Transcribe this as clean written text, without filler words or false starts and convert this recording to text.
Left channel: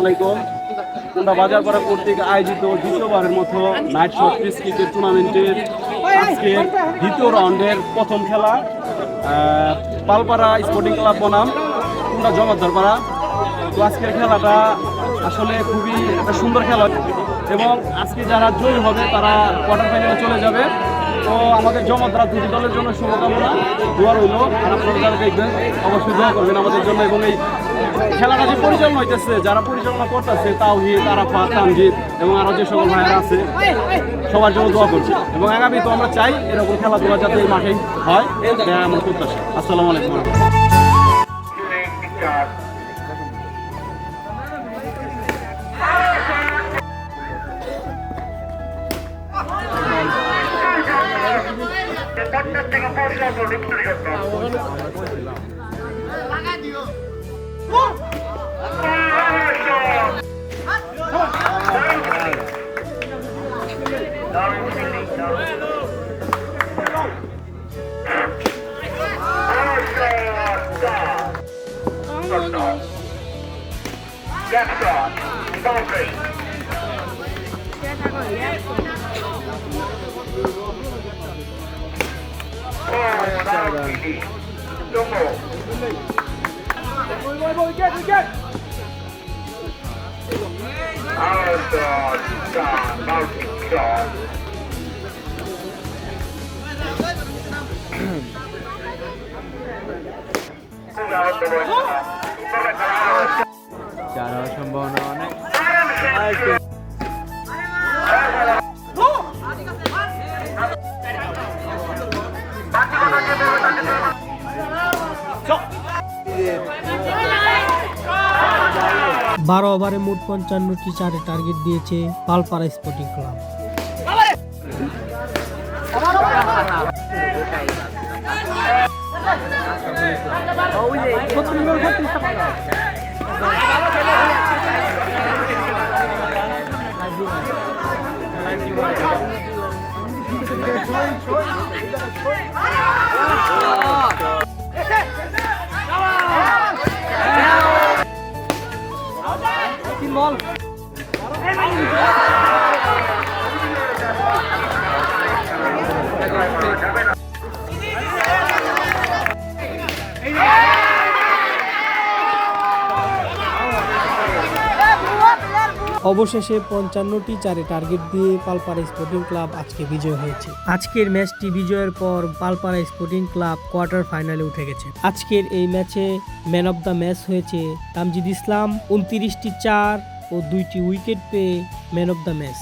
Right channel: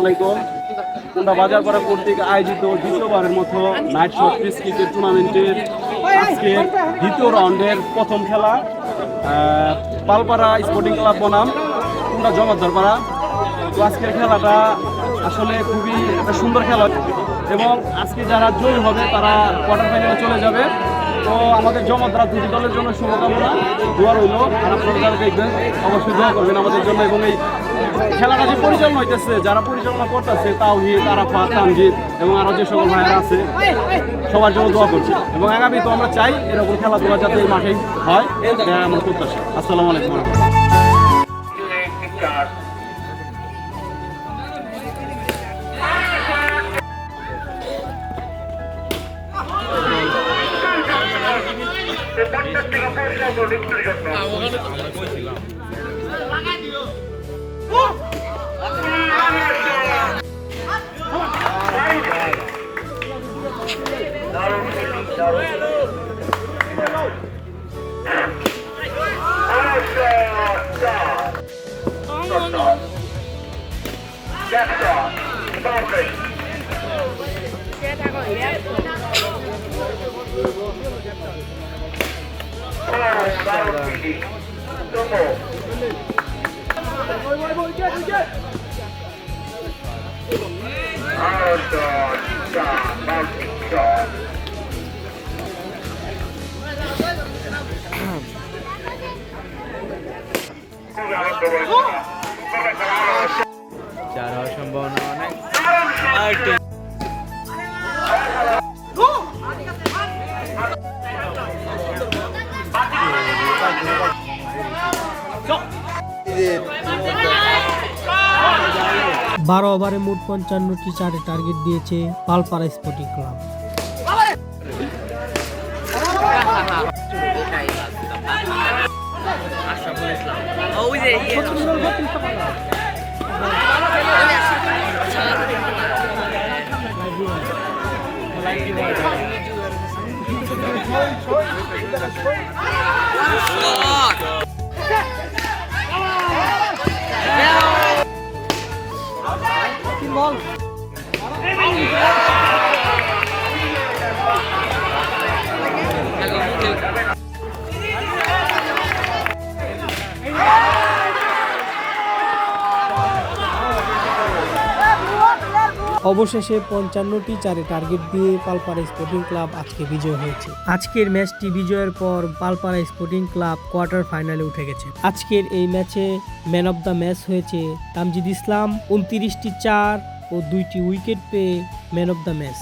আলাইকুম। কুন্ডা বাজারপাড়া কর্তৃক আয়োজিত দ্বিতীয়বারের মতো নাইট শট পিস ক্রিকেট টুর্নামেন্টের আজকে দ্বিতীয় রাউন্ডের প্রথম খেলা পালপাড়া স্পোর্টিং ক্লাব বনাম কুন্ডা জমাদ্দারপাড়া। তো আজকের খেলাটা আসলে খুবই একটা সুন্দর খেলা এবং আজকে যারা জয়ী হবে তারা কোয়ার্টার ফাইনালে চলে যাবে। তো আমাদের জমাদ্দার দুটি দলের জন্য শুভকামনা, দোয়া রইল। আর আপনারা যারা দেখবেন অবশ্যই দোয়া করবেন আমাদের জন্য। এবং এই খেলাটা যে পরিচালনা হইতেছে, যারা পরিচালনা করতেছে তাওহিদ, আরাফাত, তামজিদ এবং আরও যে সকল ভাইয়েরা আছে সবার জন্য দোয়া করছি। এবং আগামী তো আমরা চাই এরকম খেলাধুলা যাতে এই মাঠেই হয়, এটা আমার প্রত্যাশা। আসসালামু আলাইকুম। বারো ওভারে মোট 55টি চারে টার্গেট দিয়েছে পালপাড়া স্পোর্টিং ক্লাব। বল অবশেষে 55টি চারে টার্গেট দিয়ে পালপাড়া স্পোর্টিং ক্লাব আজকে বিজয় হয়েছে। আজকের ম্যাচটি বিজয়ের পর পালপাড়া স্পোর্টিং ক্লাব কোয়ার্টার ফাইনালে উঠে গেছে। আজকের এই ম্যাচে ম্যান অব দ্য ম্যাচ হয়েছে তামজিদ ইসলাম। 29টি চার ও 2টি উইকেট পেয়ে ম্যান অব দ্য ম্যাচ।